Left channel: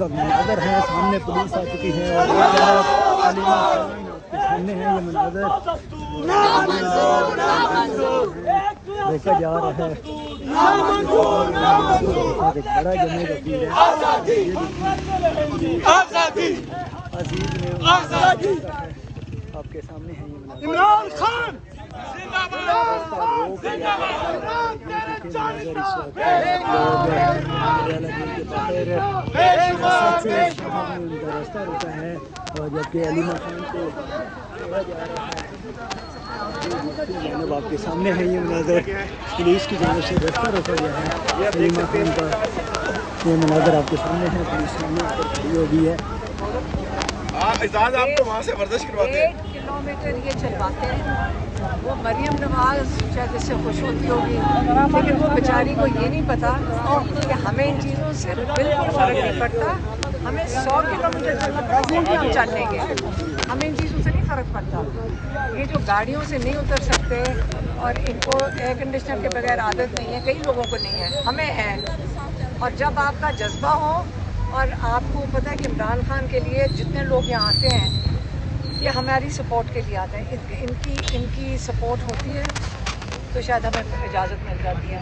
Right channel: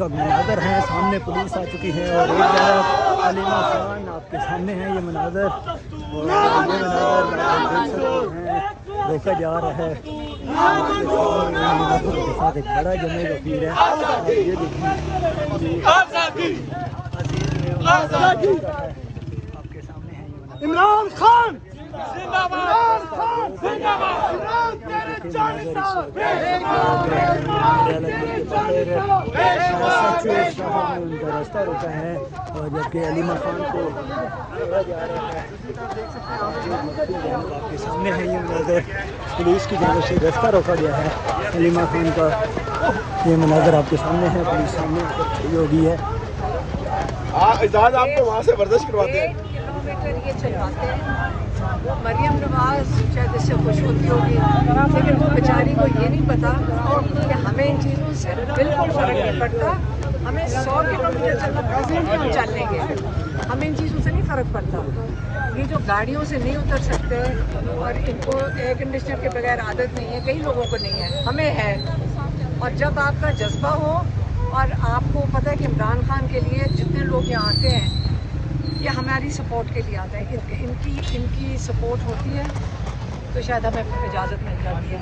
इस वक्त मनाज़र हैं, सामने पुलिस आ चुकी है और आपके सामने है ये मनाज़र देखा जा रहा है। आपके सामने है ये मनाज़र रोक दिया गया है। ये देखें मनाज़र इस वक्त आप लोग के बाहर रास्ता रोका है जबकि अलीमा खान को छोड़ा जा रहा है। जानब आपके सामने है ये मनाज़र पुलिस की जानब से रास्ता रोका गया है। अलीमा खान का ये मनाज़र आपके सामने है, पुलिस सामने ऊपर खड़ी हो गई है। इजाज़त आपको वहाँ से वर्जिश करवाते हैं। मरियम नवाज जिससे खुशबू लेकिन वो बेचारी को ये नहीं पता कि हमें इन चीज़ों से बिल्कुल फ़र्क नहीं पड़ता। हमें 100 किलोमीटर चलना पड़ता है, हम चल लेंगे, हमें इन चीज़ों से नहीं फ़र्क पड़ता। ये जो गाड़ियों से नहीं उतर सकते और इनको एयर कंडीशनर के बगैर आदत नहीं है, कई लोगों को नहीं है, हमें है। और जब आपका जज्बा हो और आपको पता है कि इमरान खान के लिए जितने लोग यहाँ आते हैं ये हमारी सपोर्ट के लिए आते हैं, इनकी सपोर्ट होती है तो शायद हमें इजाज़त मिल जाती है,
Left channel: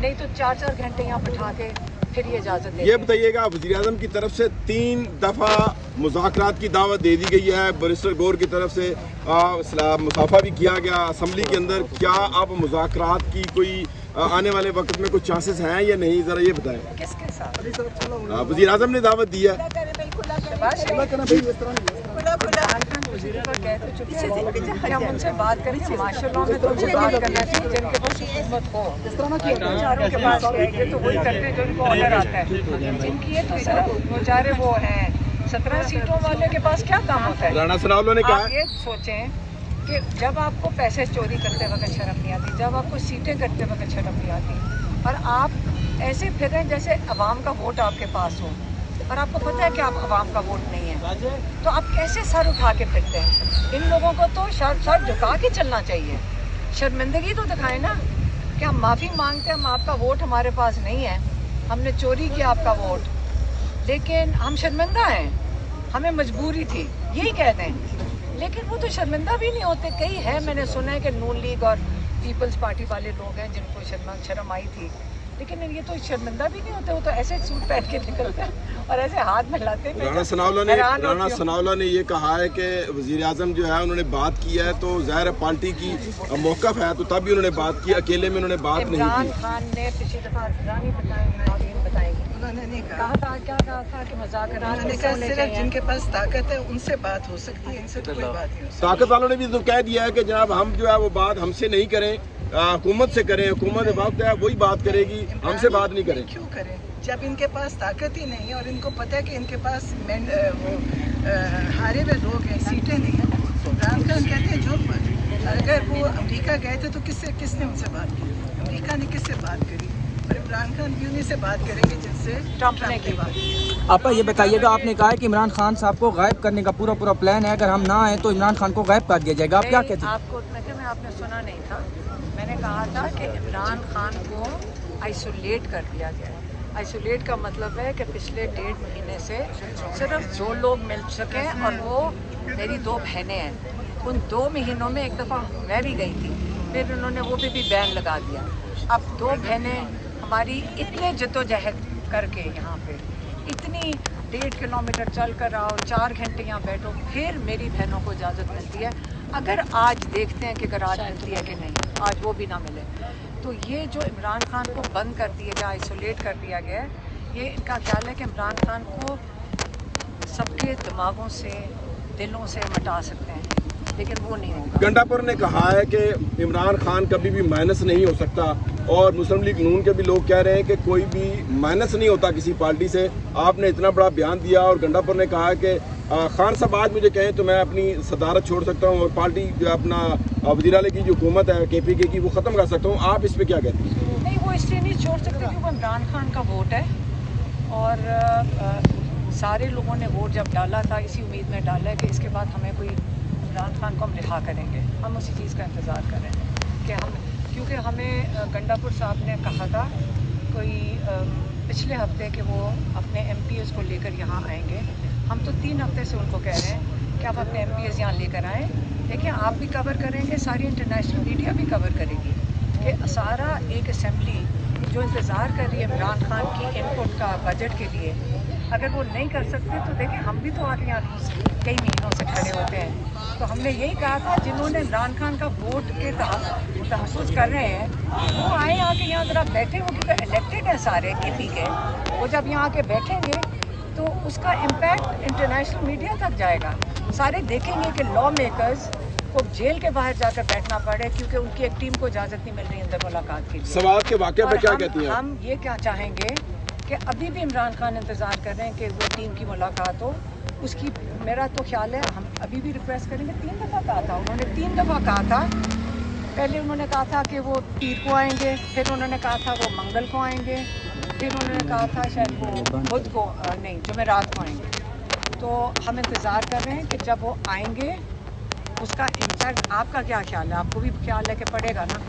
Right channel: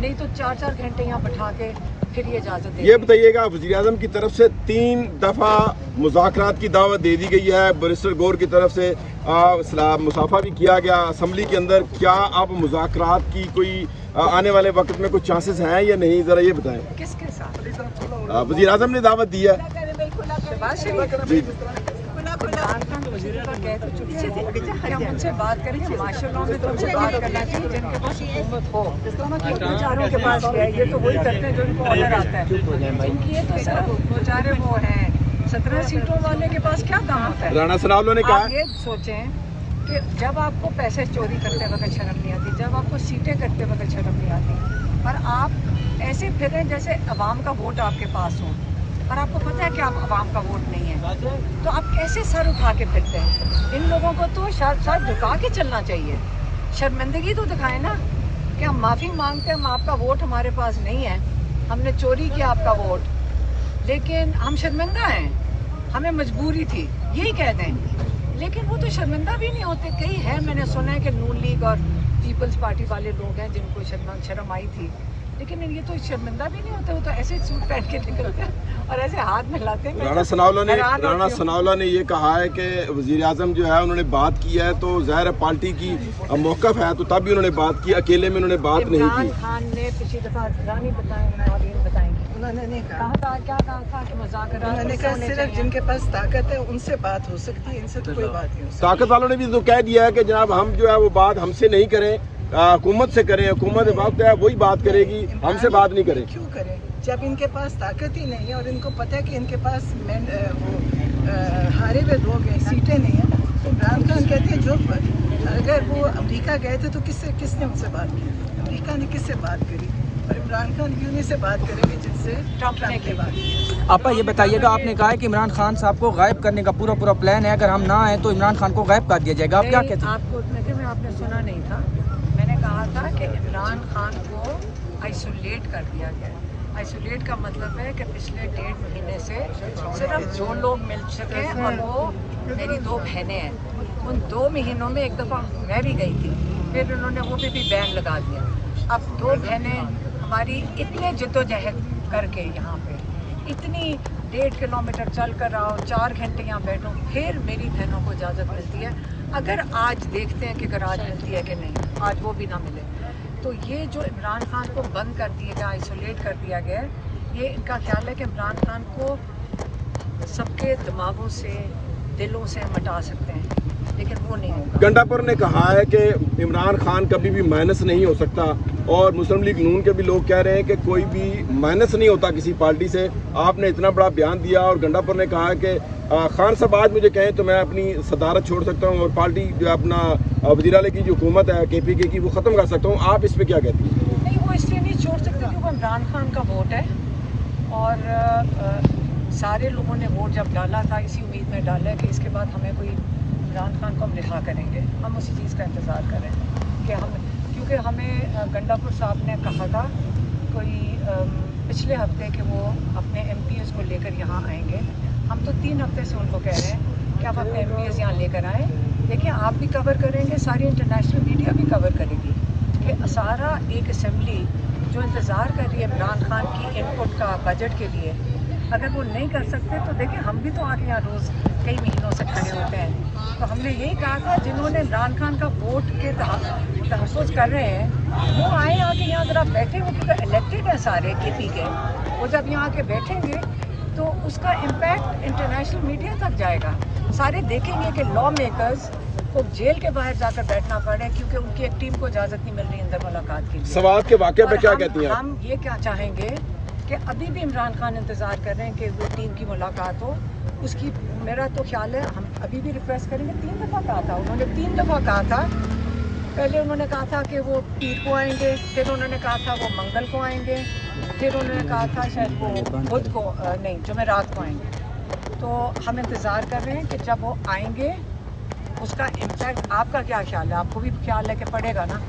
नहीं तो 4-4 घंटे यहाँ बैठा के फिर ये इजाज़त देते हैं। ये बताइएगा वज़ीर-ए-आज़म की तरफ से 3 दफ़ा मुज़ाकरात की दावत दे दी गई है, बैरिस्टर गौर की तरफ से मुसाफा भी किया गया असम्बली के अंदर। क्या अब मुज़ाकरात की कोई आने वाले वक्त में कुछ चांसेस हैं या नहीं, ज़रा ये बताएं। किसके साथ? वज़ीर-ए-आज़म ने दावत दी है। हम उनसे बात करें, माशाल्लाह में तो उनसे बात करना चाहिए जिनके पास हिम्मत हो, बेचारों के पास है, ये तो वही करते हैं जो उनको ऑर्डर आता है। जिनकी ये तो सिर्फ बेचारे वो हैं 17 सीटों वाले के पास क्या काम होता है। आप ये सोचें कि जब आपको पैसे चोरी करते वक्त शर्म नहीं आती, जब आपको सीटें करते वक्त शर्म नहीं आती और आप ऐसे फिरें जैसे अवाम का वोट आपके पास हो और आपको पता है कि आप अवाम का वोट नहीं है, तो आप कैसे सर उठा के फिरते हैं। इन लोगों को तो सर झुका के चलना चाहिए, शर्मिंदगी तो दिखाएं ना कि हम माफ़ी मांगते हैं, हम आपका वोट हमारे पास नहीं है, हमने चोरी किया आपका वोट, लेकिन हम शर्मिंदा हैं, हमें मजबूरी थी, यही कह दें। लेकिन वो तो शर्मिंदा भी नहीं होते। कई है, मैंने सुना है कि नून लीग और पीपल्स पार्टी वाले लोग हैं जिनको शर्म आई थी, लेकिन ये तो शर्मिंदा भी नहीं होते, वो तो ऐसे सूट पहन के निकलते हैं और ऐसे हाथ मिलाते हैं। राणा सनाउल्लाह ने ये कहा है कि वज़ीर-ए-आज़म जो है उन्होंने बात की है तो ज़ाहिर है पार्टी की मौक़िफ़ है, तो तभी उन्होंने बात की, अकेले में उन्होंने बात नहीं की। इमरान खान ने पिछली दफ़ा रानी बताएंगे, उन्होंने कहा क्या कहा था कि मुज़ाकरात सिर्फ जिनके पास ताकत है उनसे बात हो सकती है, इनसे तो कोई बात नहीं। ताकत वालों ने भी तो कह दिया है कि जनाब हम जो है वो बात हमसे नहीं करें, हुकूमत से करें, हुकूमत वक्त है वही बात करेगी, हमसे बात नहीं करें। क्यों करें जब इनके पास ताकत ही नहीं है और इनको पता है कि इनके पास हारे हुए लोग हैं, सीटें नहीं है। इमरान खान कहते हैं जो अगर वो अमेरिका गए थे तो किसने उनसे बात की, अमेरिका ने किससे बात करी, और इमरान खान यूं से बात करेंगे जिनसे ट्रंप ने बात की। आपका ये बताइएगा, आपने कहा है कि इमरान खान साहब को गायब करने का पूरा प्लान है, अगर हम ना आए तो इमरान खान को गायब कर दिया जाएगा, आप क्या कहते हैं? आपको आपने सुना नहीं था, मैंने कहा था कि इमरान खान को आइसोलेट कर दिया गया। आइसोलेट का मतलब है कि पिछले 1.5 महीने से सिर्फ 2 लोग मिल चुके हैं और वो मेरी 2 बहनें हैं। उन 2 महीनों में एक दफ़ा मैं भी गई थी, फिर उन्होंने वो भी बैन लगा दिया। अब 2 बहनें हमारी इतने जद्दोजहद करके यहाँ पे इतनी 1.5 किलोमीटर चल कर आओ, 4 घंटे यहाँ बैठो, फिर मेरी बहनों को इजाज़त मिलती है। अगर आज देखते हैं कि अगर आज मिलती है कि नहीं, आज वो भी ना मिले, तो ये जो इमरान खान को बंद कर दिया गया, आइसोलेट कर दिया गया, ये इनका ख्याल है कि इमरान खान को सबके दिमागों से, दिलों से मिटा सकते हैं, लेकिन वो नहीं होगा। गंडापुर ने कहा है कि इमरान खान कभी भी माइनस नहीं हो सकता और मुस्लिम लीग नून के भी लोग कह रहे हैं कि कोई भी माइनस नहीं होता किसी पार्टी से। आपने इतना बड़ा बयान दिया और गंडापुर ने कहा कि खान साहब आज मुझे कहें तो मैं अपनी सदारत छोड़ सकता हूँ और पार्टी अपना वज़ीर आला की जो हुकूमत है KPK की वो ख़त्म कर सकता हूँ, आप इस पर क्या कहती हैं? नहीं, वो इसलिए नहीं छोड़ सकती क्योंकि वो इमरान खान का वोट है और सारे लोगों ने वोट जब डाला था इसी उम्मीद में डाला है कि इसके बाद हमें कोई इमरान खान को हम रिहा करेंगे। हम उसी चीज़ का इंतज़ार करें कि हम, क्योंकि हमें गंडापुर साहब ने कहा था कोई पिछले हफ्ते कि वो अपने MPs को लेकर यहाँ आएंगे। हम तो 3 हफ्ते से उनको कह रहे हैं कि आप अपने MPs यहाँ लेकर आएँ। देखिए, आप भी कवर करेंगे, सारी इंटरनेशनल मीडिया भी कवर करेगी कि सारा एक असेंबली जो इंतज़ार कर रही है इमरान खान की इनपुट का बजट के लिए, अगर वो नहीं कर सकते तो देखिए हम भी तो आगे यहाँ रोज़ कई महीनों से खड़े होते हैं। तो हमने यही कहा था, जिन्होंने इमरान खान का वोट के तहफ़्फ़ुज़ कर रहे हैं वो आए आके यहाँ ज़रा बैठे, वो क्योंकि इलेक्टेड है सारे KP के, वो जब यहाँ आके बैठेंगे तो उसका इम्पैक्ट इंटरनेशनल मीडिया तक जाएगा। सारे देखेंगे कि लॉ मेकर्स को जेल के बाहर जाकर बैठना पड़े क्योंकि उनकी एक टीम को इजाज़त नहीं मिल रही अंदर मुलाकात के लिए। सवाल के वाक़े पे क्या कहती हैं? हम ये क्या चाहेंगे कि अभी भी इमरान खान इंतज़ार कर रहे हैं कि वो टीम की मुलाकात हो। उसकी मेरा तो ख्याल है हम अभी भी रिक्वेस्ट करेंगे। 3 दफ़ा कहा था उन्होंने, 3 दफ़ा कहा था। पहले उन्होंने कहा था कि वो पीर को आएंगे, फिर उन्होंने कहा था वो मंगल को आएंगे, फिर उन्होंने कहा था शायद वो बुध को नहीं, जुमेरात को आएंगे। तो हम इंतज़ार कर रहे हैं कि जब वो आएंगे उसका इम्पैक्ट आपका क्या ख्याल है? आपको भी ख्याल है कि पड़ेगा ना,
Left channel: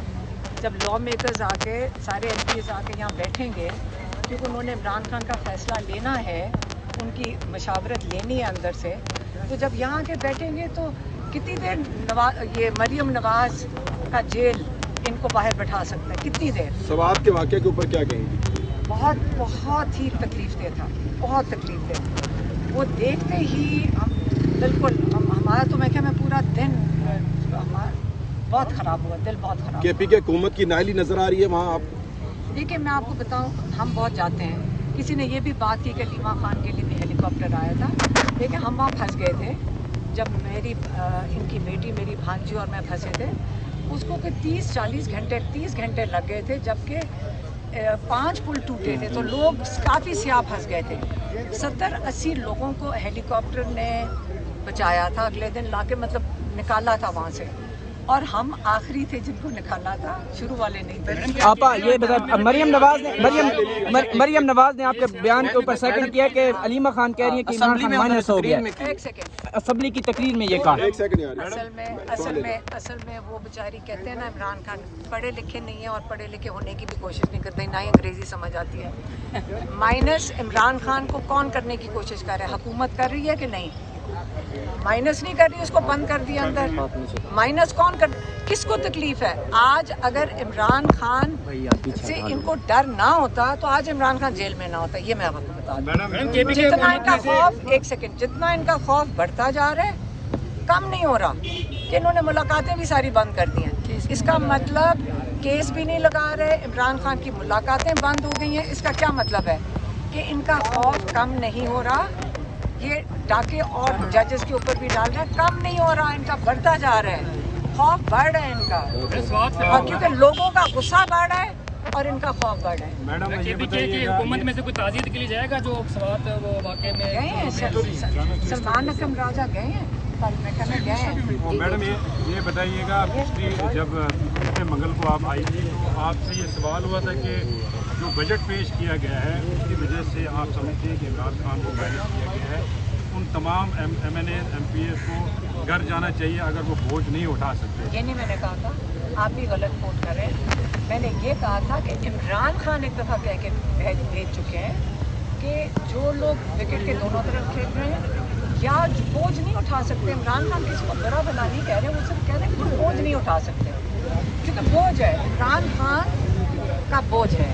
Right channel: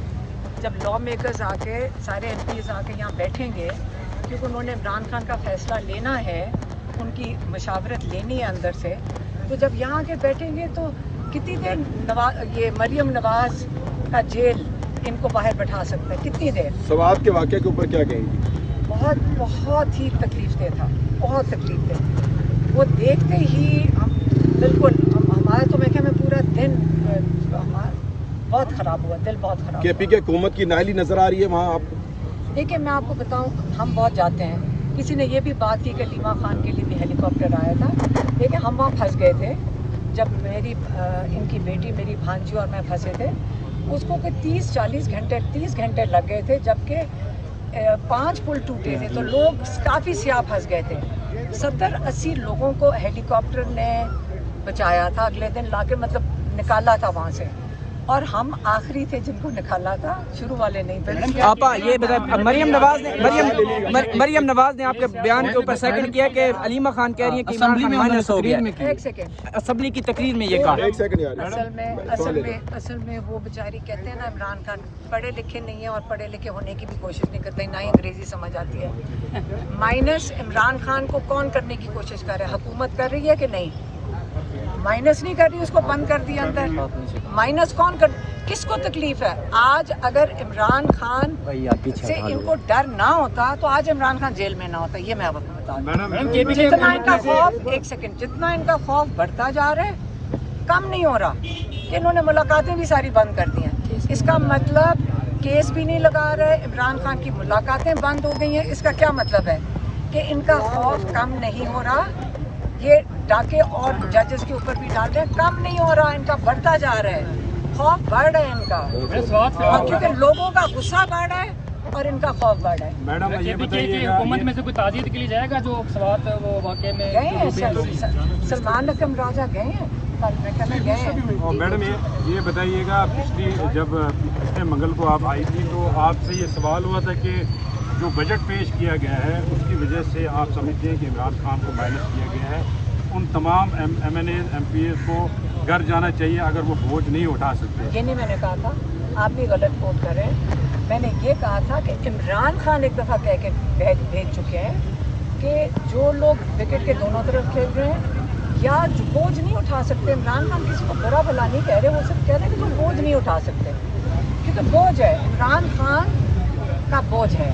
जब लॉ मेकर्स आके सारे MPs आके यहाँ बैठेंगे क्योंकि उन्होंने इमरान खान का फैसला लेना है, उनकी मशावरत लेनी है अंदर से। तो जब यहाँ आके बैठेंगे तो कितनी देर ये मरियम नवाज़ का जेल इनको बाहर बैठा सकता है, कितनी देर? सवाल के वाक़े के ऊपर क्या कहेंगे? बहुत ही तकलीफ दे था, बहुत तकलीफ दे। वो देखते ही हम बिल्कुल हमारा तो मैं क्या, मैं पूरा दिन हमारा बहुत ख़राब हुआ, दिल बहुत ख़राब। KP की हुकूमत की नाली नज़र आ रही है वहाँ आपको? देखिए, मैं आपको बताऊं, हम बहुत जाते हैं। किसी ने ये भी बात की कि लीमा खान के लिए भी हेलीकॉप्टर आया था। देखिए, हम वहाँ फंस गए थे जब इनकी बेटी, मेरी भांजी और मैं फंसे थे। उसको कोई 30 घंटे लग गए थे, जबकि 5 पुल टूटे थे तो लोग काफ़ी सियाह फंस गए थे। 70-80 लोगों को हेलीकॉप्टर ने बचाया था, अगले दिन लाके मतलब निकाला था वहाँ से, और हम आखिरी थे जिनको निकाला था, शुरू वाले नहीं थे। मरियम नवाज ने आपके बयान के ऊपर सेकंड किया कि अलीमा खान कह रही है कि इमरान खान माइनस हो गया। एक सेकंड, असेंबली की तकरीर में ये कहा। असल में वो बेचारी कहते हैं ना, इमरान खान पढ़े लिखे नहीं है और पढ़े लिखे होने की भी कोशिश नहीं करते, ना ही अंग्रेजी समझ आती है। माइनस इमरान खान को कौन करने की कोशिश कर रहा है? हुकूमत कर रही है कि नहीं? माइनस नहीं कर रही, उसको बंद कर दिया अंदर। माइनस कौन कर, किसको तकलीफ है? आज अगर इमरान खान से इनको डर ना होता तो आज इमरान खान जेल में ना होता। ये मैं आपको बता दूं। जितना इनका खौफ, एक सेकंड, जितना इनका खौफ बढ़ता जा रहा है, कम नहीं हो रहा। कि इन्होंने मुलाकातें भी सारी बंद कर दी हैं। इसका मतलब केस भी नहीं लगा रहे, इमरान खान की मुलाकातें बंद हो गई हैं। इसका क्या मतलब है? कि इनका खौफ कम नहीं हो रहा। ये डाके और जजेस के ऊपर भी डाल रहे हैं, कम नहीं हो रहा, इनका बढ़ता जा रहा है, खौफ बढ़ रहा है इनका। और क्योंकि लोगों का गुस्सा बढ़ रहा है और इनका खौफ बढ़ रहा है। मैडम, KP की हुकूमत में से कोई ताज़ियत के लिए जाएगा जो सवाल वो वाकई में गए हैं? सलमान अकरम राजा गए हैं, कल मैं कहने गए हैं। मैडम, ये बताइएगा, जब मंगल को आप आई थी तो आपसे ये सवाल हुआ था कि जो बजट पेश किया गया है उसकी वजह से आप समझते हैं कि इमरान खान को माइनस किया गया है, उन तमाम MNA MPs को घर जाना चाहिए अगर वो बोझ नहीं उठा सकते? ये नहीं मैंने कहा था, आप भी गलत कोट कर रहे हैं। मैंने ये कहा था कि इमरान खान एक दफ़ा कह के भेज चुके हैं कि जो लोग विकेट के दोनों तरफ खेल रहे हैं या जो बोझ नहीं उठा सकते, इमरान खान किसी को बुरा भला नहीं कह रहे, वो सिर्फ कह रहे हैं कि जो बोझ नहीं उठा सकते, क्योंकि बोझ है, इमरान खान का बोझ है।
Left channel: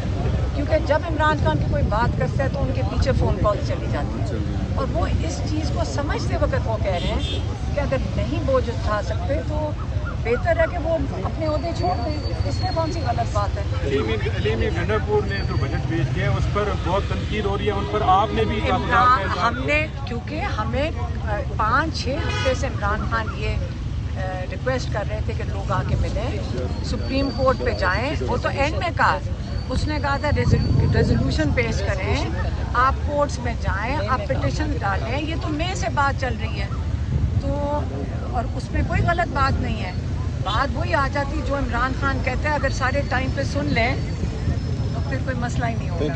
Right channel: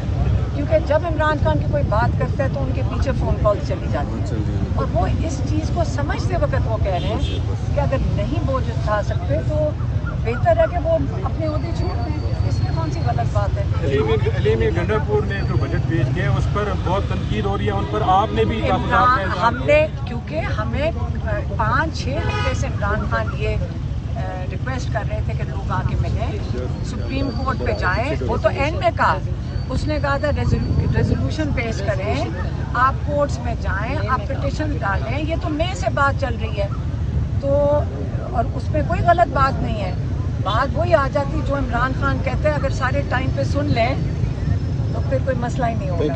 क्योंकि जब इमरान खान की कोई बात करता है तो उनके पीछे फ़ोन कॉल चली जाती है, और वो इस चीज़ को समझते वक्त वो कह रहे हैं कि अगर नहीं बोझ उठा सकते तो बेहतर है कि वो अपने ओहदे छोड़ दें। इसमें कौन सी गलत बात है? हमने, क्योंकि हमें 5-6 हफ्ते से इमरान खान ये रिक्वेस्ट कर रहे थे कि लोग आके मिलें, सुप्रीम कोर्ट पे जाएं। वो तो एंड में कहा, उसने कहा था रेजोल्यूशन पेश करें, आप कोर्ट्स में जाएं, आप पिटिशन डालें। ये तो मई से बात चल रही है, तो और उसमें कोई गलत बात नहीं है। बात वही आ जाती जो इमरान खान कहते हैं, अगर सारे टाइम पे सुन लें तो फिर कोई मसला ही नहीं होगा।